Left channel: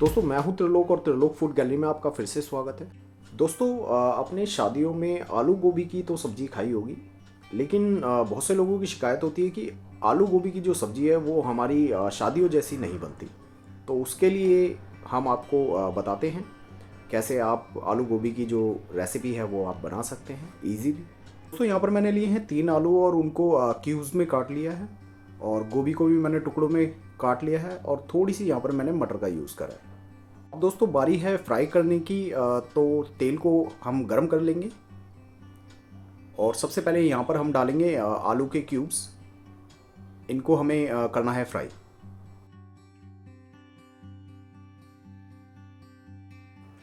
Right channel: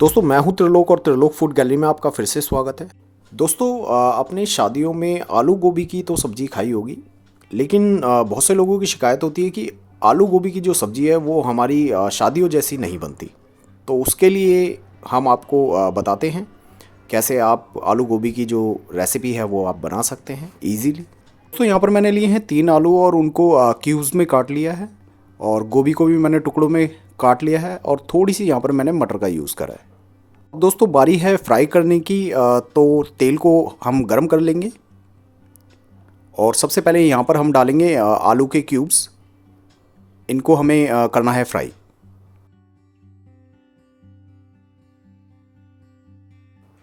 दोस्तों मैं हूं त्रिलोक और त्रिलोक फूड गैलरी में आपका फिर से स्वागत है। दोस्तों अपने शादियों में आलू गोभी की तो सब्ज़ी खाई होगी, लेकिन बहुत से लोगों की शिकायत होती है कि आलू गोभी की जो सब्ज़ी है वो हमारी शादियों जैसी नहीं बनती। तो उसके लिए हम आपको बताते हैं कैसे आप आलू गोभी की जो रेसिपी है वो आप बना सकते हैं ईजीली। दोस्तों यहाँ पर मैंने लिए हैं 3 आलू और उनको क्यूब्स में काट लिया है, और गोभी को भी मैंने टुकड़ों में काट लिया है, और थोड़ी सी यहाँ पर मैंने मटर का यूज़ करा है। अब दोस्तों बारी है फ्राई करने की, तो तेल को हम गरम कर लेंगे और सबसे पहले यहाँ पर हम डालेंगे आलू के क्यूब्स। इनको हमें करना है फ्राई।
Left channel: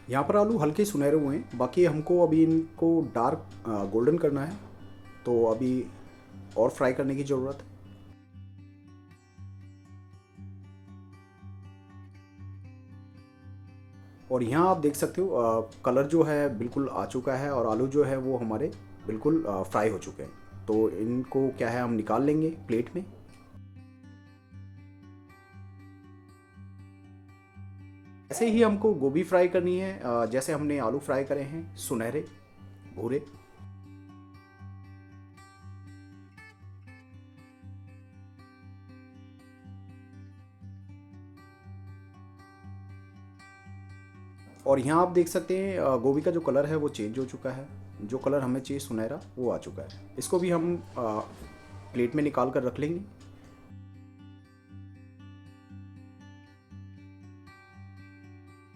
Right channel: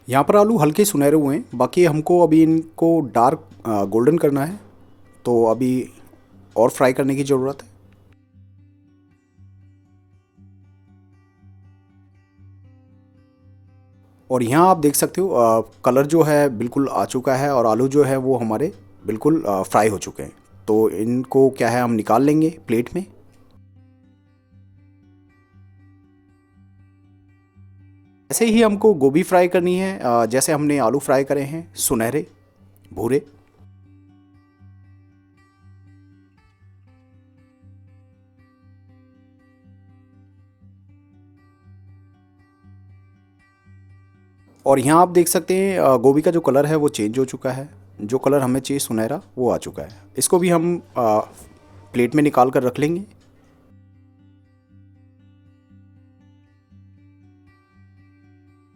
यहाँ पर आलू हल्के सुनहरे हुए हैं, बाकी हमको अभी इनको डार्क गोल्डन करना है, तो अभी और फ्राई करने की ज़रूरत है। और यहाँ आप देख सकते हो कलर जो है बिल्कुल आ चुका है और आलू जो है वो हमारे बिल्कुल फ्राई हो चुके हैं। तो इनको क्या है हम निकाल लेंगे प्लेट में। ऐसे ही हमको गोभी फ्राई करनी है, जैसे हमने आलू फ्राई करे हैं, सुनहरे भूरे। और यहाँ आप देख सकते हैं गोभी का जो कलर है वो चेंज हो चुका है। जो कलर हमें चाहिए सुनहरा वो आ चुका है। इसको भी हम प्लेट में निकाल कर रख लेंगे।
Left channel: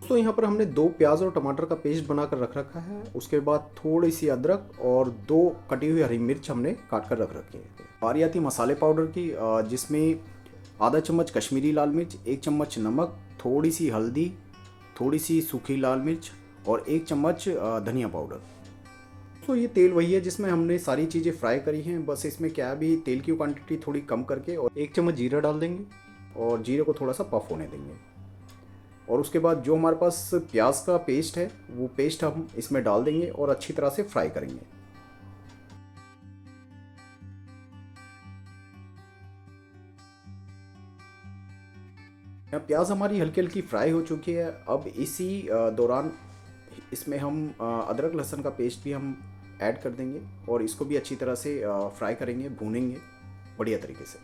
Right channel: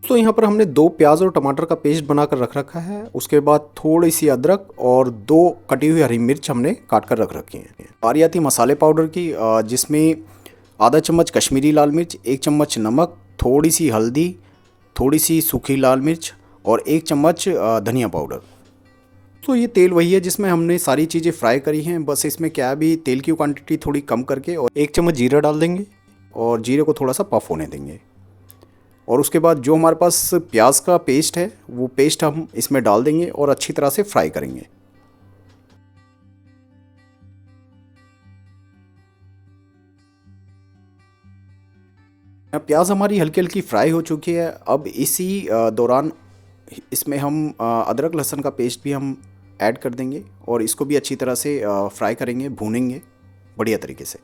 तो यहाँ पर हमने 2 प्याज और टमाटर का पेस्ट बनाकर रख रखा है। उसके बाद थोड़ी सी अदरक और 2 कटी हुई हरी मिर्च हमने काट कर रख रखी है। बारी आती मसाले पाउडर की, जिसमें आधा चम्मच कश्मीरी लाल मिर्च, 1 चम्मच नमक, थोड़ी सी हल्दी, थोड़ी सी सूखी लाल मिर्च और 1 चम्मच धनिया पाउडर। तो ये तेल वही है जिसमें हमने सारी चीज़ें फ्राई करी हैं, बस इसमें क्या है अभी तेल की क्वांटिटी थोड़ी कम करके, और 1 चम्मच जीरा डाल देंगे और जीरे को थोड़ा सा पफ होने देंगे। और उसके बाद जो हमारे पास प्याज का पेस्ट है वो पेस्ट हम इसमें डाल देंगे और अच्छी तरह से फ्राई करेंगे। प्याज हमारी हल्की हल्की फ्राई हो चुकी है। अब इसी दौरान इसमें हम अदरक लहसुन का पेस्ट भी हम ऐड कर देंगे और इसको भी अच्छी तरह से फ्राई करेंगे, भूनेंगे बढ़िया तरीके से।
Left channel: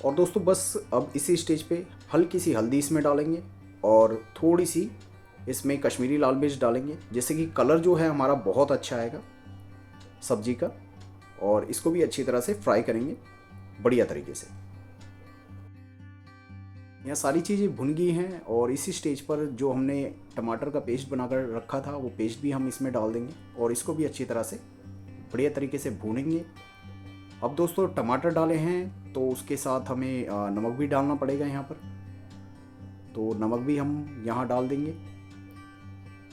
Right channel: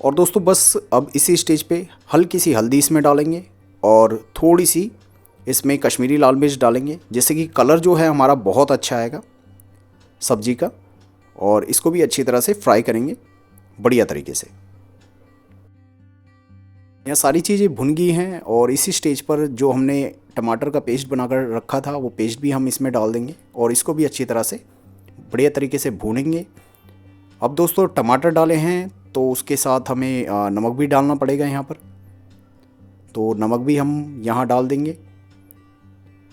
और दोस्तों बस अब इसी स्टेज पे हल्की सी हल्दी इसमें डालेंगे और थोड़ी सी इसमें कश्मीरी लाल मिर्च डालेंगे, जिससे कि कलर जो है हमारा बहुत अच्छा आएगा सब्जी का। और इसको भी अच्छी तरह से फ्राई करेंगे बढ़िया तरीके से। यहाँ सारी चीज़ें भुन गई हैं और इसी स्टेज पर जो हमने टमाटर का पेस्ट बनाकर रखा था वो पेस्ट भी हम इसमें डाल देंगे और इसको भी अच्छी तरह से बढ़िया तरीके से भूनेंगे। अब दोस्तों टमाटर डाले हैं तो उसके साथ हमें नमक भी डालना पड़ेगा यहाँ पर, तो नमक भी हम यहाँ डाल देंगे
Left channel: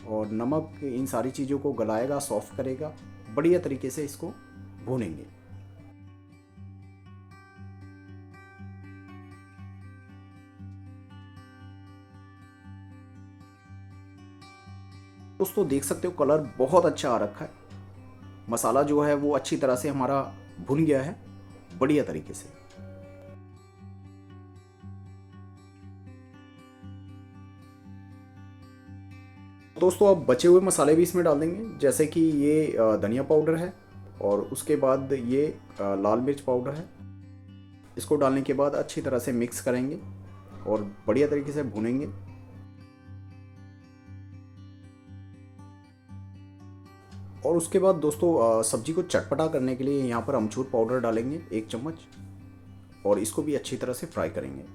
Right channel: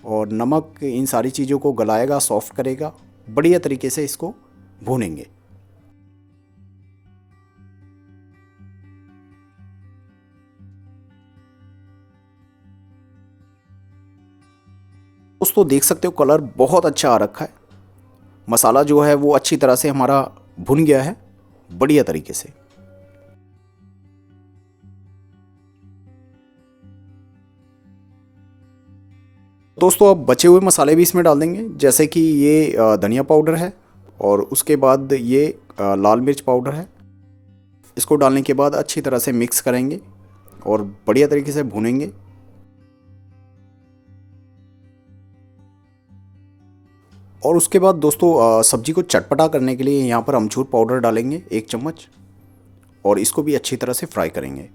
और नमक इन सारी चीज़ों को गलाएगा, सॉफ्ट करेगा, बढ़िया तरीके से इसको भूनेंगे। दोस्तों देख सकते हो कलर बहुत अच्छा आ रखा है, मसाला जो है वो अच्छी तरह से हमारा भुन गया है बढ़िया तरीके से। दोस्तों अब बचे हुए मसाले भी इसमें डाल देंगे, जैसे कि ये धनिया पाउडर है और उसके बाद ये लाल मिर्च पाउडर है। इसको डालने के बाद अच्छी तरह से मिक्स करेंगे और बढ़िया तरीके से भूनेंगे। और उसके बाद दोस्तों सब्जी को चटपटा करने के लिए यहाँ पर अमचूर पाउडर डालेंगे 1 चम्मच और इसको भी अच्छी तरह से फ्राई करेंगे।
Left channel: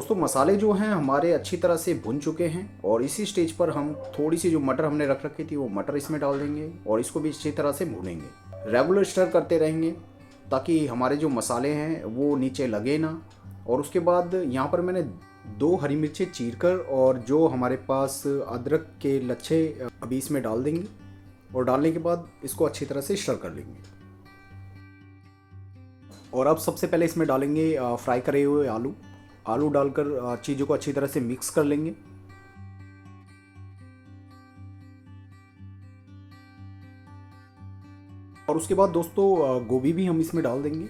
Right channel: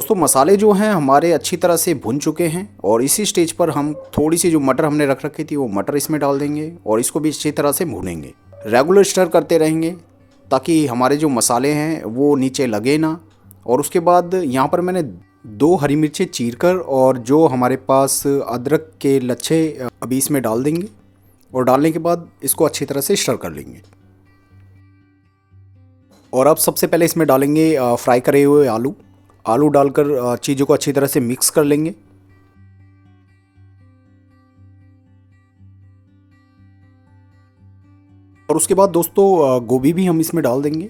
दोस्तों मसाले जो हैं हमारे अच्छी तरह से भुन चुके हैं और इसी स्टेज पर हम थोड़ी सी जो मटर हमने रख रखी थी वो मटर इसमें डाल देंगे और इसको भी अच्छी तरह से भूनेंगे। रेगुलर स्टर करते रहेंगे ताकि हमारे जो मसाले हैं वो नीचे लगे ना। और उसके बाद यहाँ पर मैंने 2 हरी मिर्चें चीरकर और जो हमारे पास अदरक के लच्छे अभी इसमें डाल देंगे और डालने के बाद इसको अच्छी तरह से स्टर कर लेंगे। और अब सबसे पहले इसमें डालेंगे फ्राई करे हुए आलू डालकर चीज़ों को अच्छी तरह से मिक्स कर लेंगे। और उसके बाद दोस्तों गोभी भी हम इसमें डाल देंगे।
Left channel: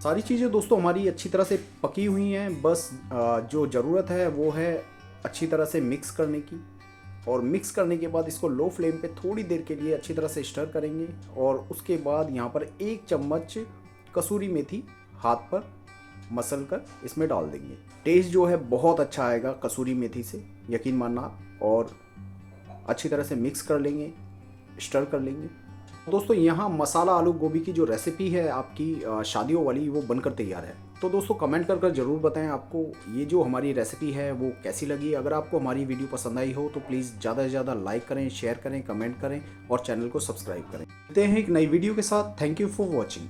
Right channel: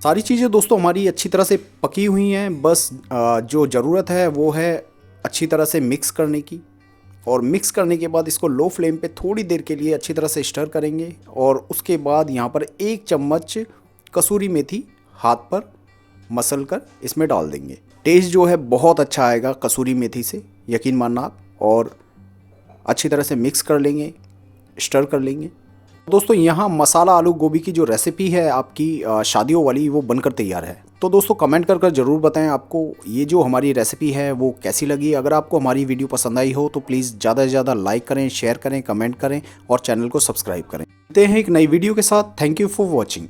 सारी चीज़ें दोस्तों हमारी अच्छी तरह से पकी हुई हैं, बस जो ज़रूरत है वो है अच्छी तरह से मिक्स करने की। और मिक्स करने के बाद इसको लो फ्लेम पे थोड़ी देर के लिए अच्छी तरह से स्टर करेंगे। और उसके बाद यहाँ पर 1 चम्मच कसूरी मेथी हाथ पर मसल कर इसमें डाल देंगे। टेस्ट जो है बहुत अच्छा आएगा कसूरी मेथी से, यकीन मानना आप। और अच्छी तरह से मिक्स कर लेंगे, स्टर कर लेंगे। दोस्तों यहाँ मसाला आलू गोभी की जो रेसिपी है आपकी शादियों वाली, वो बनकर तैयार है। तो दोस्तों कमेंट कर ज़रूर बताएं आपको ये जो हमारी रेसिपी है वो कैसी लगी। अगर आपको हमारी वीडियो पसंद आई हो तो प्लीज़ ज़्यादा से ज़्यादा लाइक करें, शेयर करें, कमेंट करें और चैनल को सब्सक्राइब करें। मिलते हैं एक नई वीडियो के साथ। Thank you for watching.